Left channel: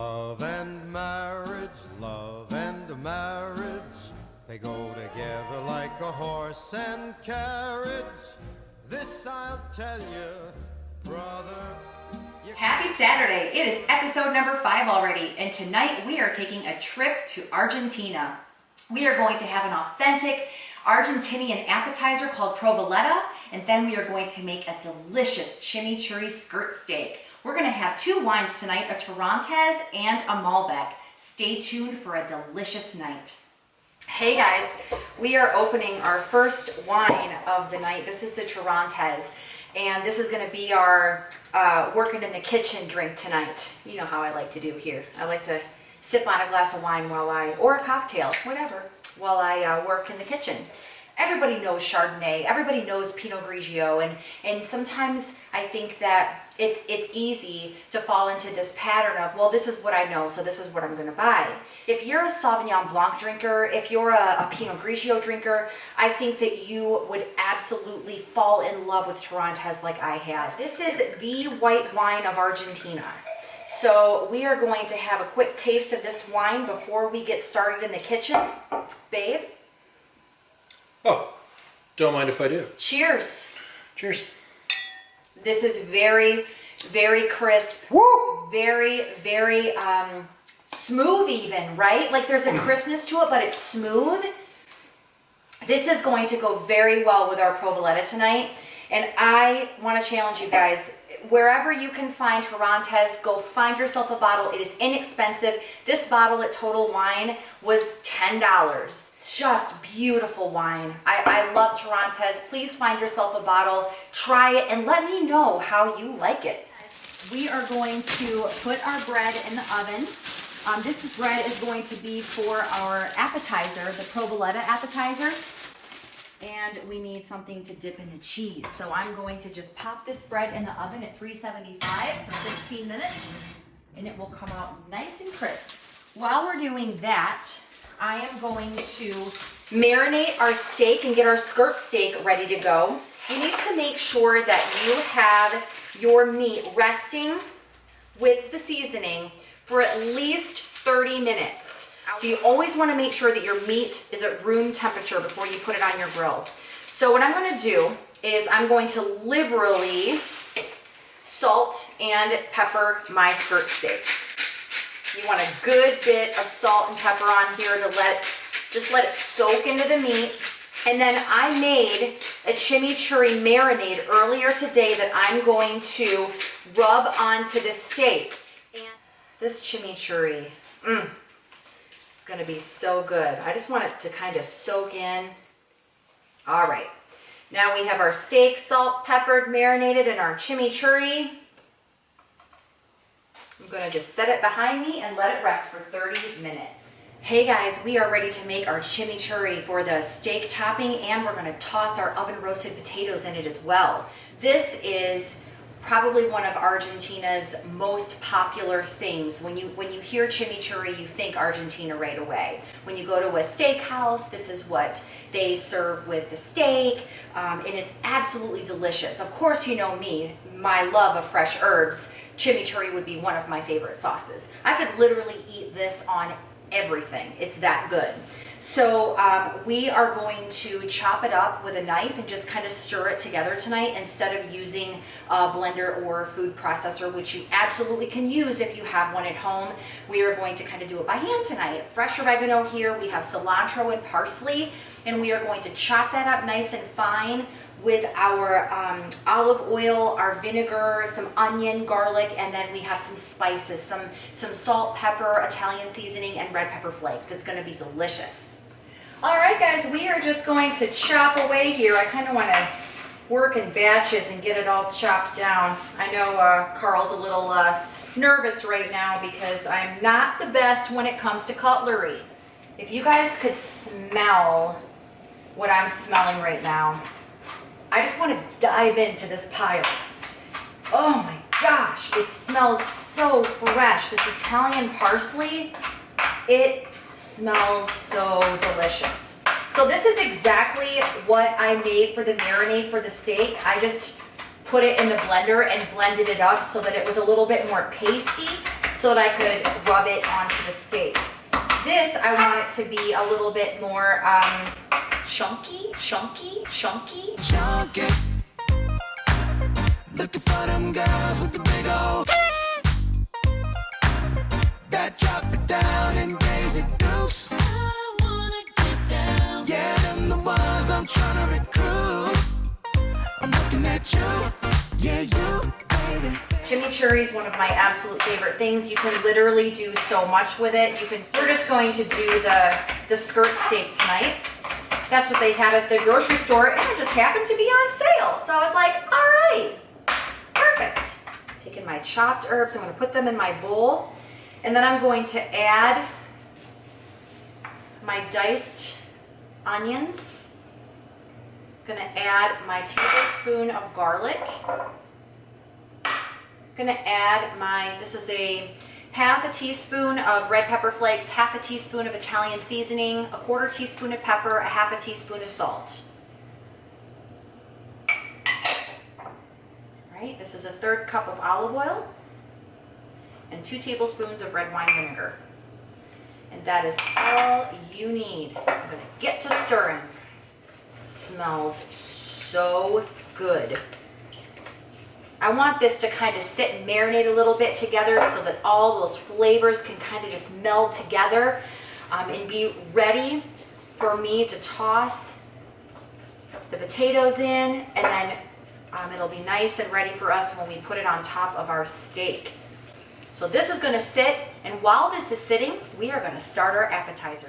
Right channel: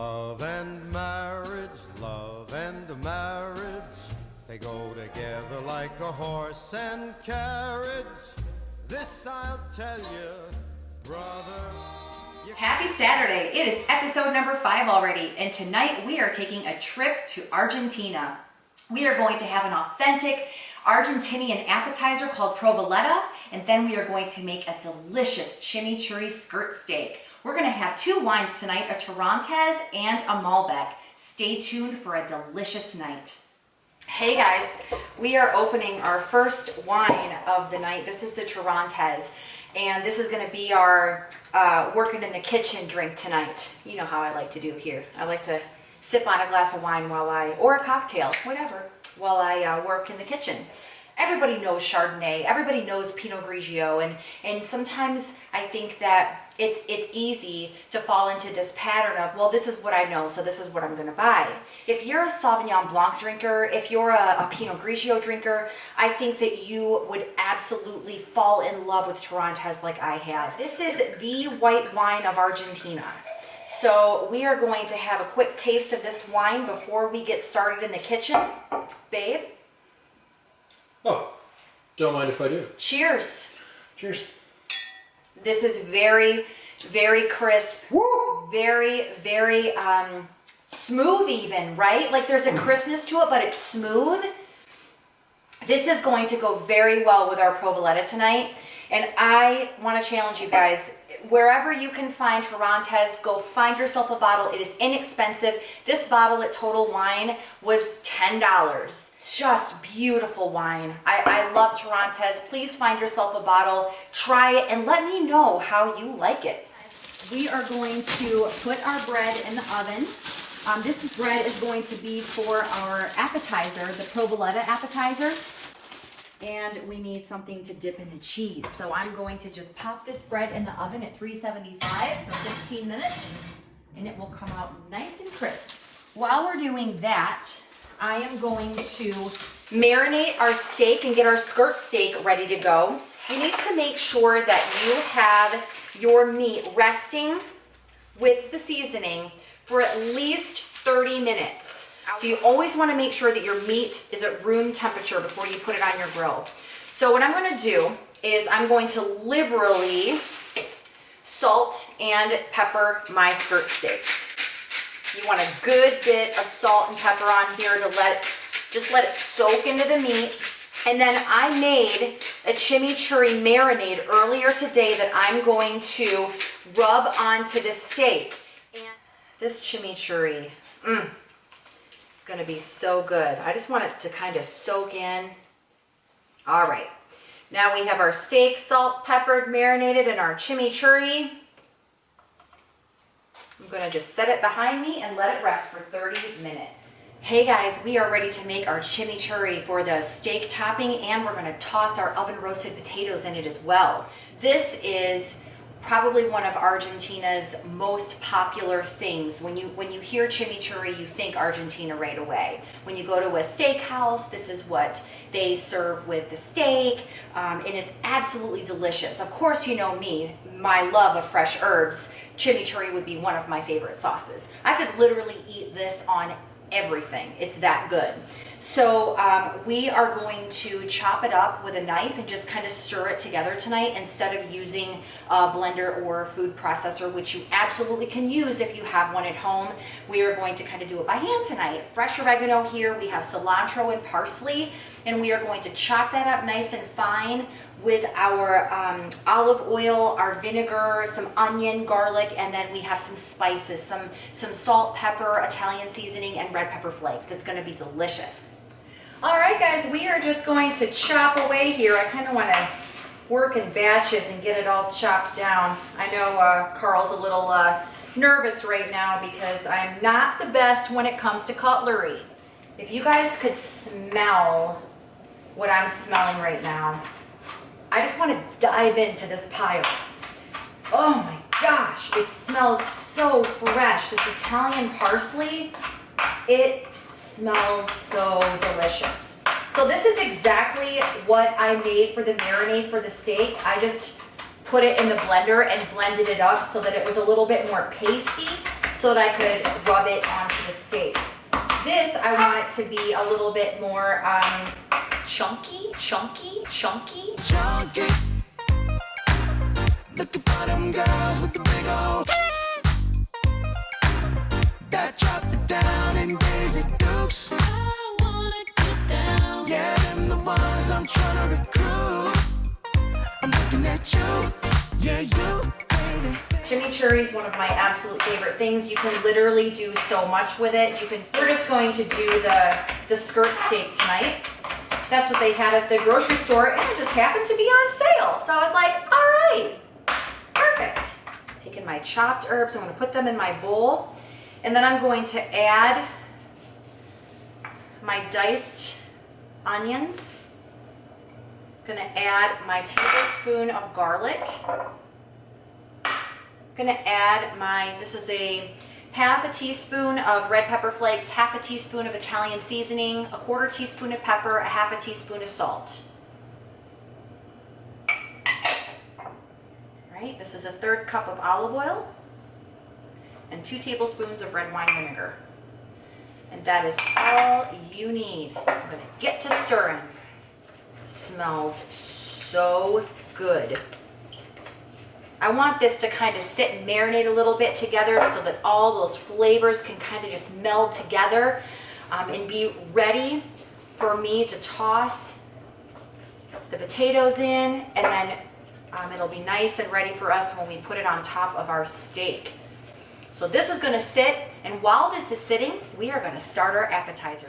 Love and marriage, they go together like a horse and carriage. This I'll tell you, brother. Happy Saturday. It is episode number 5 already, and tonight we are taking a trip to Argentina. We are going to have an authentic Argentinian appetizer called Provoleta, and then we are going to make a delicious chimichurri skirt steak. We're going to have 2 wines tonight, a Torrentes and a Malbec. Stay tuned for a delicious night. Hey guys, we are opening our first wine of the night. This is the Torrentes, and this is going to be our working in the kitchen drink tonight. You know how I like to do here. I like to sip on a glass of wine or a cocktail, whatever, while I work in the kitchen. Everybody knows Chardonnay, everybody knows Pinot Grigio, and sometimes I think that it's easy to fall into this pattern of, well, this is what I know, so this is what I'm gonna buy. If you're a Sauvignon Blanc drinker, if you're a Pinot Grigio drinker, I think that you would absolutely fall in love with Torrentes like I have. This is the white wine of Argentina. So we are going to have a quick taste of this wine before we get started in the kitchen. Babe? Oh, don't mind if I do. Cheers. Cheers. This is very, very crisp. Woo! Very, very smooth even, right? Like there's a crispness to it, but it's smooth. This is going to go very well with our Provoleta tonight. And I want to challenge you guys, wherever you can find Torrentes, go find yourself a bottle. It is inexpensive. This bottle at Total Wine was $10. Just beautiful wine. I love Torrentes. Please find yourself a bottle, try it, and let me know how you like it. We are going to put our bread in the oven. This bread is going to be for our appetizer, the Provoleta appetizer. And we need something to dip in the cheese. So I'm going to just pop this bread in the oven at 375 for 15 minutes, and it will come out nice and crisp. While we're doing that, I am going to marinate our steak and get our skirt steak ready to go. You need to make sure that you have your meat resting with the seasoning for at least 30 minutes. So you always want to make sure that your meat is at room temperature before you put it on your grill. So what I'm going to do is I'm going to liberally salt and pepper my skirt steak. You want a good bit of salt and pepper on here to just let it soak into the meat. And then I made a chimichurri marinade earlier today that I'm going to rub onto the steak. And this chimichurri, it's going to be so good. I just want it to kind of soak in. All right. Now we have our steak, salt, peppered, marinated, and our chimichurri. I'm going to just set it behind me and let it rest for 30 minutes. Hey guys, we are ready to make our chimichurri for the steak topping, and we're going to toss our oven roasted potatoes in it as well. This is probably one of Argentina's most popular things. When you hear chimichurri, you think Argentina right away. When you go to a steakhouse, this is what they serve with the steak, and it's absolutely delicious. Of course, you know me, my love of fresh herbs. Chimichurri would be one of my favorite sauces. I could literally eat this on everything. It's that good. So we are going to chop it up with a knife and just kind of stir it together tonight instead of using a blender or a food processor, which you absolutely can use if you have one at home. We are going to kind of do it by hand tonight. Fresh oregano here. We have cilantro and parsley, and we are going to chop that up nice and fine with our olive oil, our vinegar, some onion, garlic, and then we have some spices, some salt, pepper, Italian seasoning, and red pepper flakes. It's going to be delicious. All right, guys, we are just going to chop away here. I kind of want to work in batches and get it all chopped down. I know Carl's a little nervous right now because I'm not the best when it comes to cutlery. If you guys could smell what I'm smelling right now, I just want to dive into this pile. Oh my gosh, it smells so fresh. This Italian parsley, it smells so delicious. So this is exactly what I made for the marinade for the steak. I just put it in the blender and blended it up so that it was a little bit more pasty. so that I could rub it onto the steak. This, I want it to be a little bit more chunky. Chunky. Looking for them girls with the big old that drop it down and gaze it deuce. I wanna get down. Yeah, them the ones I'm trying to recruit. I'm looking at you. Yeah, you, baby. Chimichurri is one of my absolute favorite things. You can literally do so much with it. We're just going to do the skirt steak tonight. That's what they had at the grocery store, and it just happened to be on sale. So I was like, all right, perfect. Taking my chopped herbs, I'm gonna put them in my bowl, and then I'm going to add my diced onions. I'm gonna add my tablespoon of garlic. I'm gonna add this is a half a teaspoon of red pepper flakes, half a teaspoon of Italian seasoning, a quarter teaspoon of pepper, a half a teaspoon of salt. Right, this is a 1/3 cup of olive oil and 2 tablespoons of red wine vinegar. And that is all you need. I'm gonna get to stirring. Smells so good. I want this to kind of sit and marinate a little bit together so that all those flavors can kind of just meld together and be ready for me to toss the potatoes in, and then it'll be nice and ready for us when we put it on top of our steak. So this is going to sit, and while this is sitting, we are going to start our appetizer.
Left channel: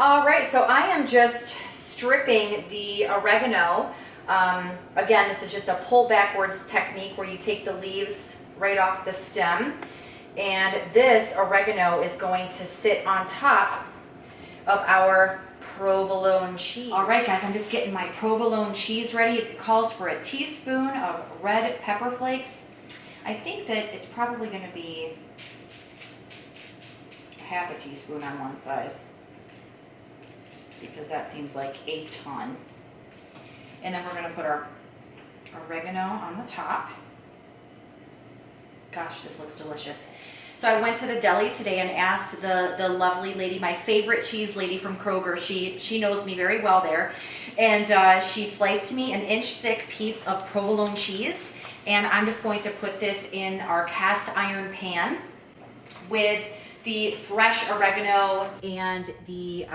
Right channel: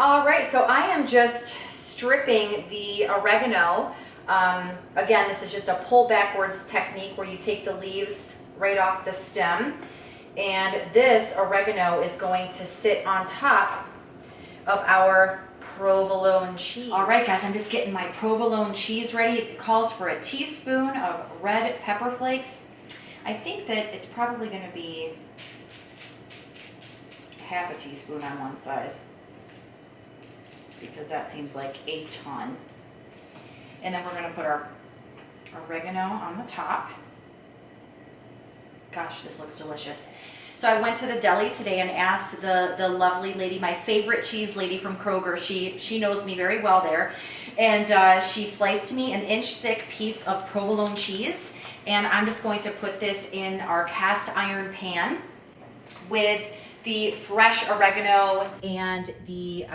All right, so I am just stripping the oregano. Again, this is just a pull backwards technique where you take the leaves right off the stem. And this oregano is going to sit on top of our provolone cheese. All right, guys, I'm just getting my provolone cheese ready. It calls for a teaspoon of red pepper flakes. I think that it's probably going to be half a teaspoon on one side, because that seems like a ton. And then we're going to put our oregano on the top. Gosh, this looks delicious. So I went to the deli today and asked the lovely lady, my favorite cheese lady from Kroger. She knows me very well there. And she sliced me an inch-thick piece of provolone cheese. And I'm just going to put this in our cast iron pan with the fresh oregano and the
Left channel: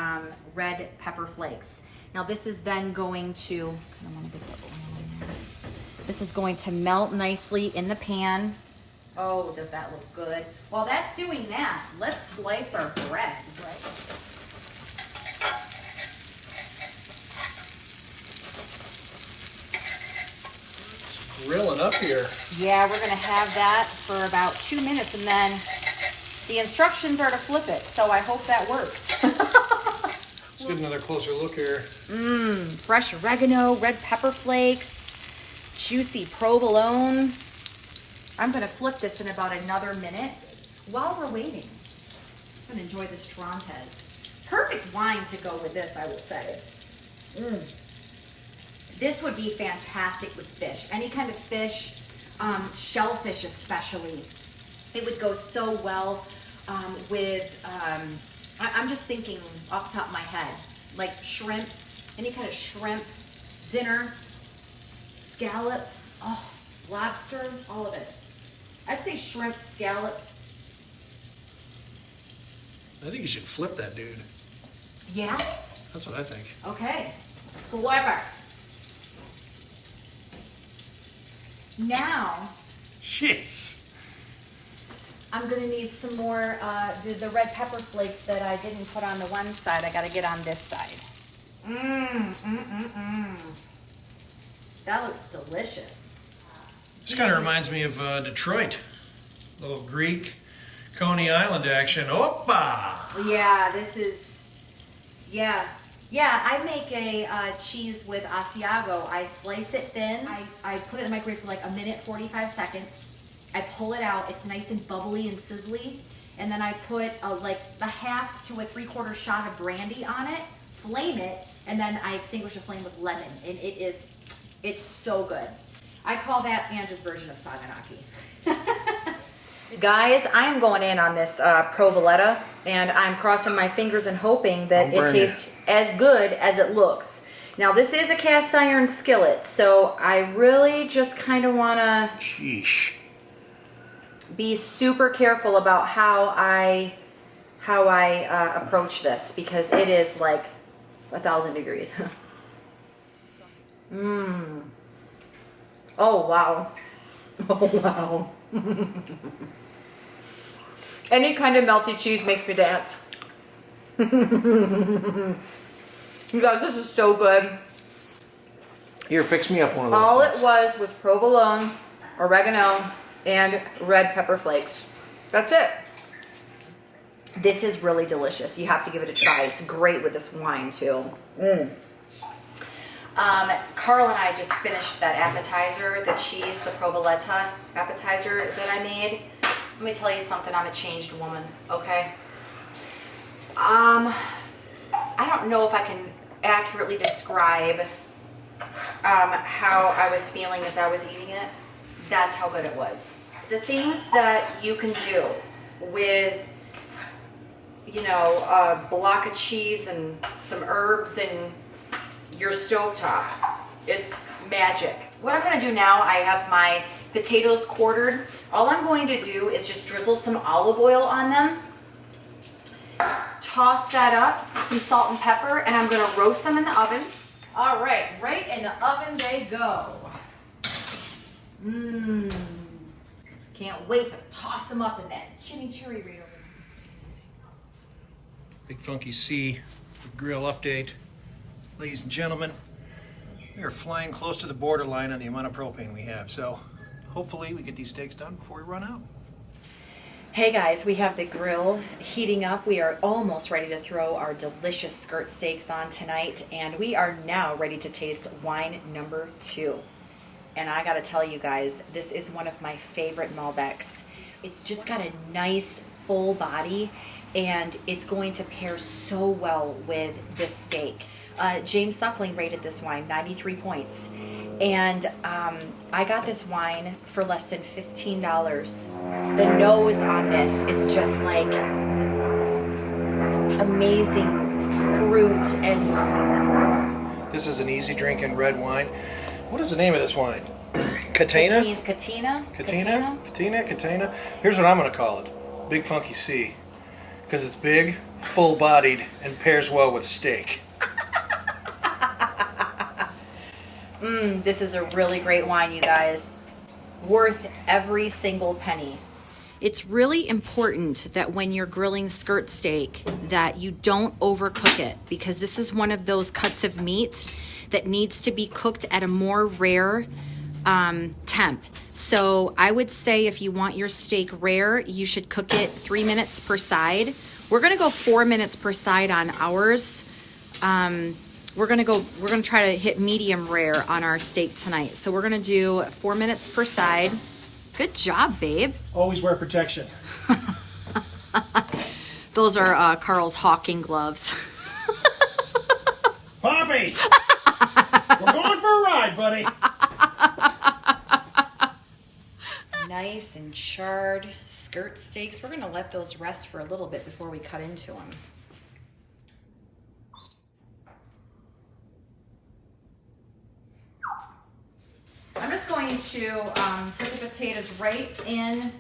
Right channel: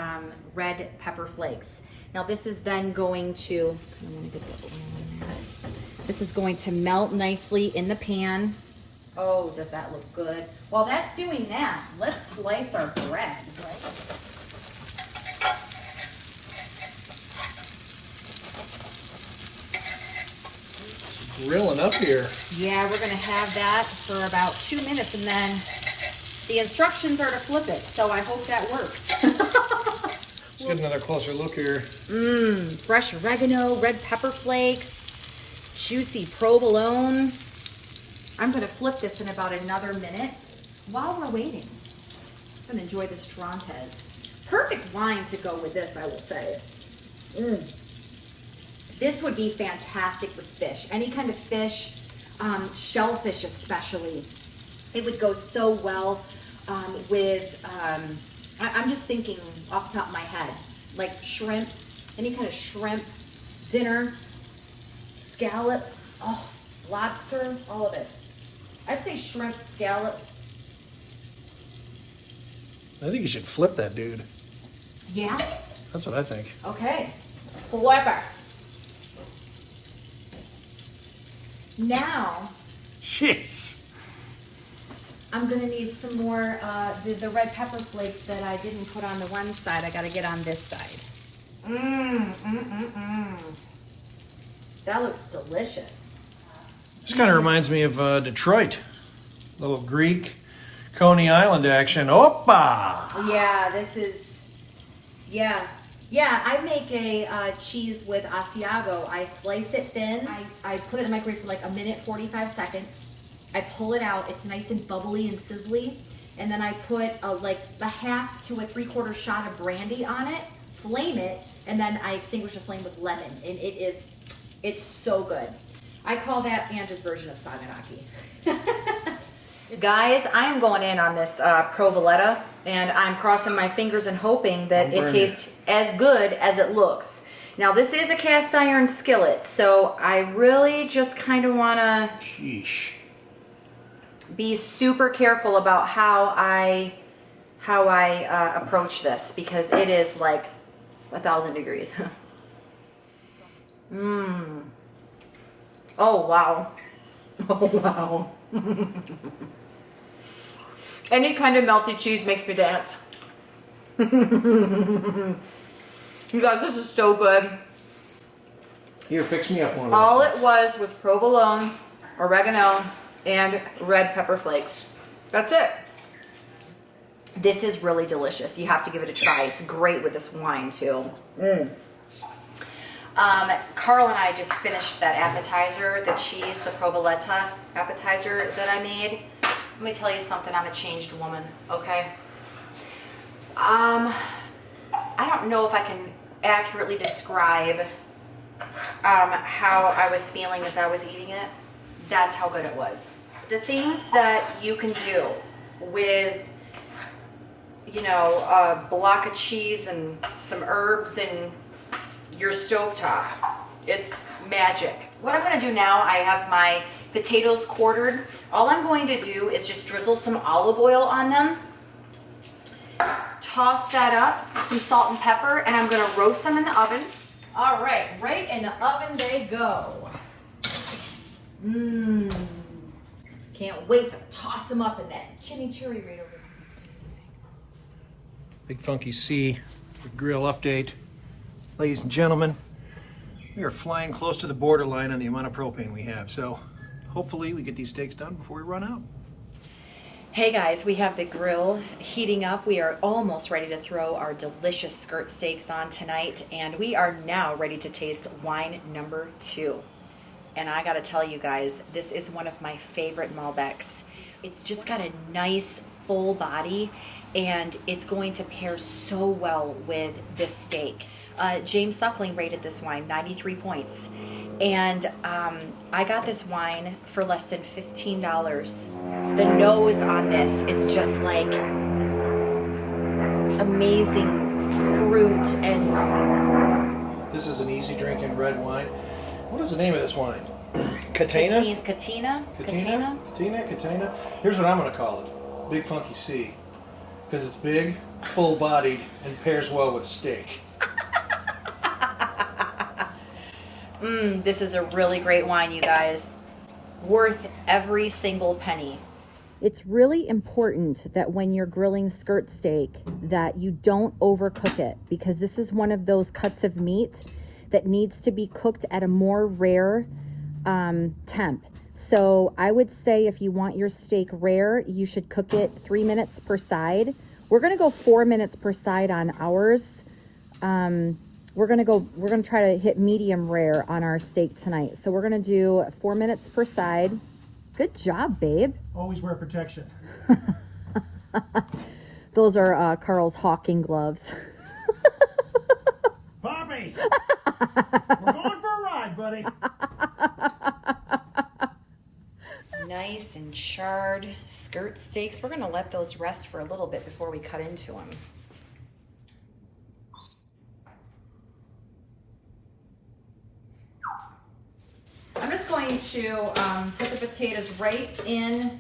red pepper flakes. Now this is then going to, melt nicely in the pan. Oh, does that look good? While that's doing that, let's slice our bread, right? Grilling up here. Yeah, we're gonna have that for about 2 minutes, and then the instructions are to flip it, so I hope that works. Let's get another closer look here. Fresh oregano, red pepper flakes, juicy provolone. I'm gonna flip this in about another minute while we're waiting. I'm gonna enjoy this Torrentes. Perfect wine to go with this, I will say. This would be fantastic with fish. Any kind of fish, shellfish especially. It would go so well with, I'm just thinking off the top of my head, like shrimp, any kind of shrimp, dinner, scallops, lobster, all of it. I'd say shrimp, scallops. I think you should flip that dude. Yeah? That's what I think. Okay. Flipper. Now, Jeez. I'm gonna need some more, the red pepper flakes that I didn't put on the one side. I gotta get on this side. That looks delicious. This kind of reminds me of Detroit. Little Greek, Coney Island action. Oppa! Yeah, this is, yeah, I make a cheese with Asiago. I slice it thin. I put it in the microwave for like a minute, 45 seconds. I pull it out. It's nice and bubbly and sizzly. And then I put like a half to a 3/4 shot of brandy on it, flame it, and then I extinguish the flame with lemon. And it's so good. I call that Anna's version of Saganaki. Guys, I am going in on this Provoleta, and I'm crossing my fingers and hoping that it tastes as good as it looks. Now, this is a cast iron skillet, so I really just kind of want to be super careful about how I approach this, because it is like 1,000 degrees. Oh, wow. Oh, wow. Any kind of melty cheese makes me dance. You guys, this is so good. Here, fix me up one of those. All it was provolone, oregano, and red pepper flakes. That's it. This is really delicious. You have to give it a try. It's great with this wine too. Carl and I just finished that appetizer, the cheese, the Provoleta appetizer that I made. Let me tell you something, I'm a changed woman, okay? I don't know if I can accurately describe how I was feeling as I was eating it. That's how good it was. The things that you can do with, you know, a block of cheese and some herbs and your stovetop, it's magic. What I'm gonna do now, I have my potatoes quartered. All I'm going to do is just drizzle some olive oil on them, toss that up, some salt and pepper, and I'm gonna roast them in the oven. All right, right in the oven they go. Can't wait to toss them up in that chimichurri right over there. Big Funky C grill update. Ladies and gentlemen, we are flying close to the borderline on the amount of propane we have, so hopefully we get these steaks done before we run out. Hey guys, we have the grill heating up. We are almost ready to throw our delicious skirt steaks on tonight, and we are now ready to taste wine number 2. And I gotta tell you guys, this is one of my favorite Malbecs. It's just got a nice full body, and it's going to pair so well with this steak. James Suckling rated this wine 93 points, and I got this wine for less than $15. The nose on this is just like amazing fruit, and this is an easy drinking red wine. What is the name of this wine? Catena? Catena? Here's what I'm going to call it. Big Funky C. Because it's big, full-bodied, and pairs well with steak. This is a really great wine, you guys. Worth every single penny. It's really important that when you're grilling skirt steak that you don't overcook it, because this is one of those cuts of meat that needs to be cooked at a more rare temp. So I would say if you want your steak rare, you should cook it 3 minutes per side. We're gonna go 4 minutes per side on ours. We're gonna try to hit medium rare on our steak tonight. So we're gonna do 4 minutes per side. Good job, babe. Always wear protection. Those are Carl's hawking gloves. Poppy! We're going for a ride, buddy. Nice and charred skirt steaks. We're gonna let those rest for a little bit before we cut into them. I'm just going to put the potatoes right in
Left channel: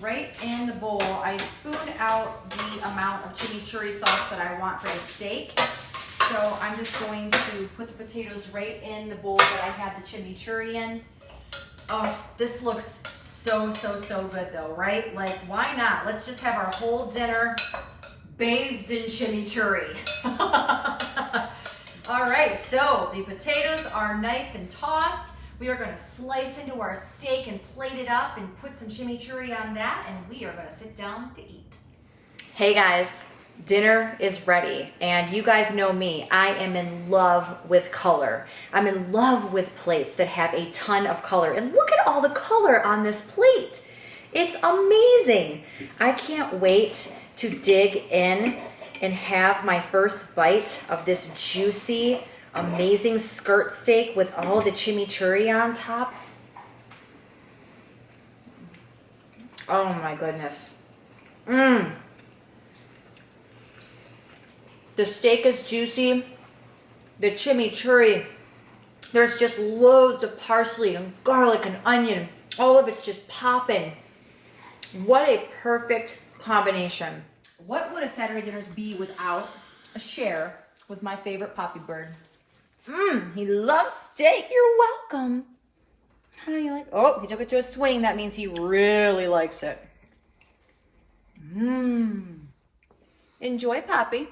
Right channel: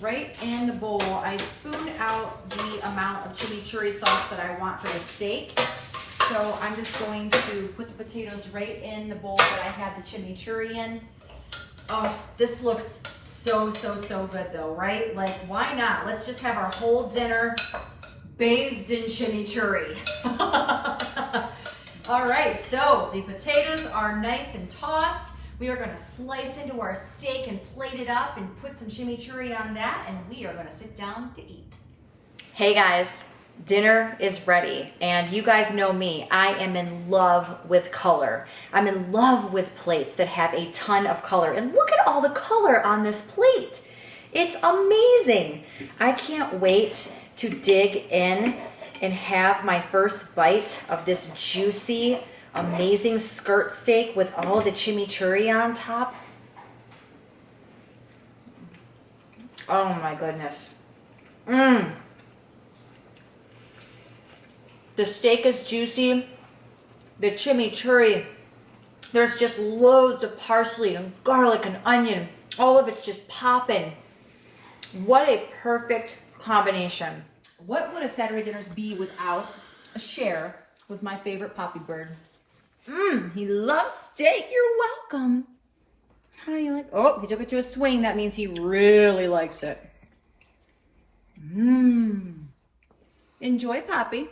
the bowl. I spooned out the amount of chimichurri sauce that I want for the steak. So I'm just going to put the potatoes right in the bowl that I had the chimichurri in. Oh, this looks so good though, right? Like, why not? Let's just have our whole dinner bathed in chimichurri. All right, so the potatoes are nice and tossed. We are gonna slice into our steak and plate it up and put some chimichurri on that, and we are gonna sit down to eat. Hey guys, dinner is ready, and you guys know me, I am in love with color. I'm in love with plates that have a ton of color, and look at all the color on this plate. It's amazing. I can't wait to dig in and have my first bite of this juicy, amazing skirt steak with all the chimichurri on top. Oh my goodness. Mmm. The steak is juicy. The chimichurri. There's just loads of parsley and garlic and onion. All of it's just popping. What a perfect combination. What would a Saturday dinners be without a share with my favorite Poppy Bird? He loves steak. You're welcome. How do you like? Oh, he took it to a swing. That means he really likes it. Enjoy, Poppy.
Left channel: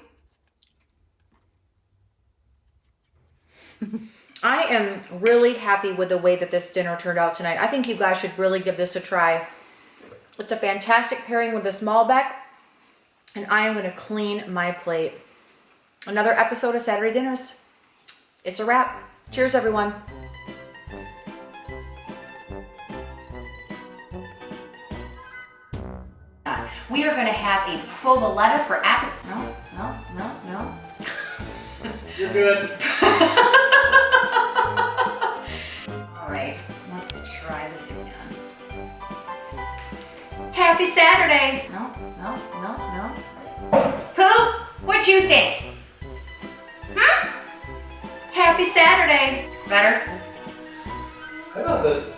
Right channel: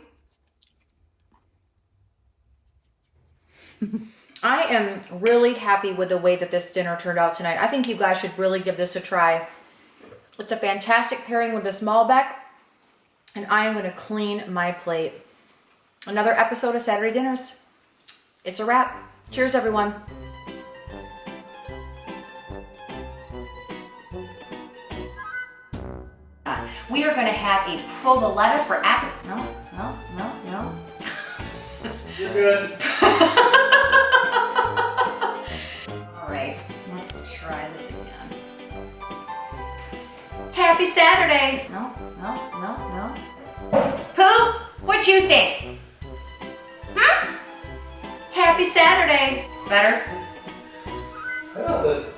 I am really happy with the way that this dinner turned out tonight. I think you guys should really give this a try. It's a fantastic pairing with this Malbec, and I am going to clean my plate. Another episode of Saturday Dinners. It's a wrap. Cheers, everyone. We are going to have a provoleta for apple. No. You're good. All right, let's try this again. Happy Saturday. No. Pooh, what'd you think? Happy Saturday. Better? I thought the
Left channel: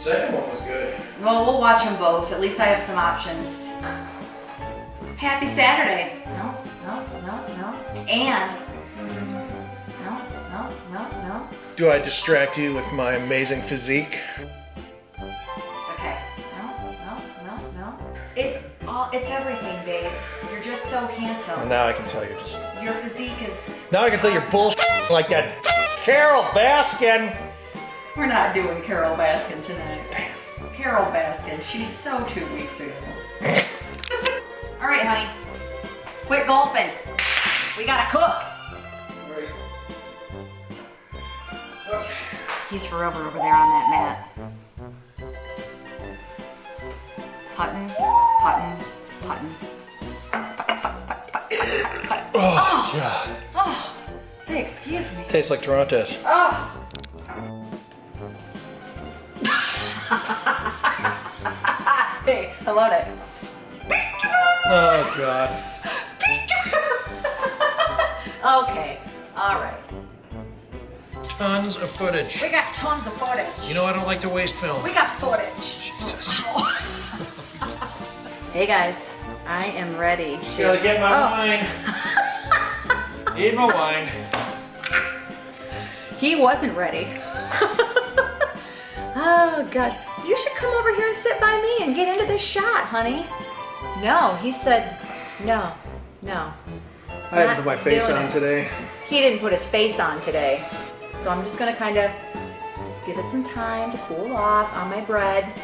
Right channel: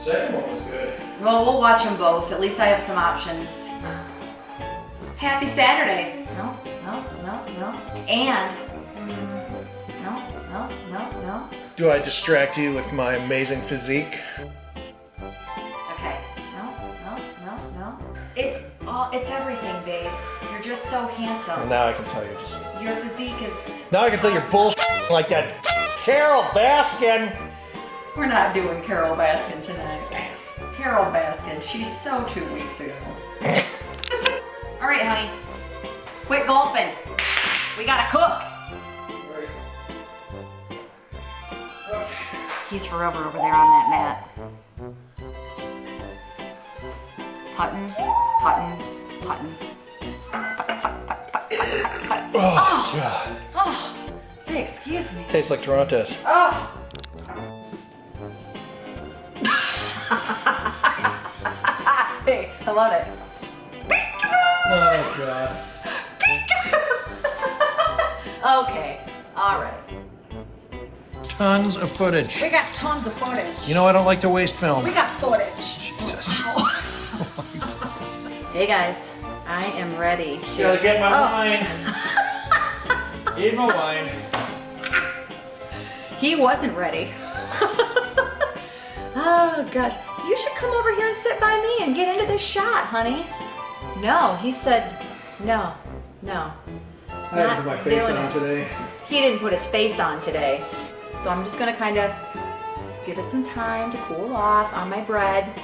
second one was good. Well, we'll watch them both. At least I have some options. Happy Saturday. No. And no. Do I distract you with my amazing physique? Okay. No. It's everything, babe. You're just so handsome. And now I can tell you're just... Your physique is... Now I can tell you're bullshit like that Carol Baskin. We're not doing Carol Baskin tonight. Carol Baskin, she's so 2 weeks ago. All right, honey. Quit golfing. We gotta cook. He's forever over there on that mat. Puttin'. Oh, God. Oh, say excuse me. Tastes like Torrentes. Oh. Hey, I love it. Oh, God. Okay, all right. Tons of footage. We got tons of footage. You know I don't like to waste film. We got footage. Jesus. Hey guys, I am ready. Gotta get my wine. Need my wine. He wasn't ready. Oh gosh, you should come over here and sit by me and get into this shot, honey. No, he said no. I had to put my face on today. He didn't put his face on today. So I'm just gonna kind of give it some time to cool off on my bread.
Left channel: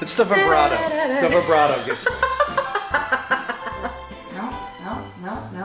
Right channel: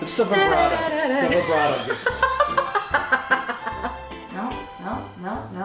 It's the vibrato. The vibrato. No.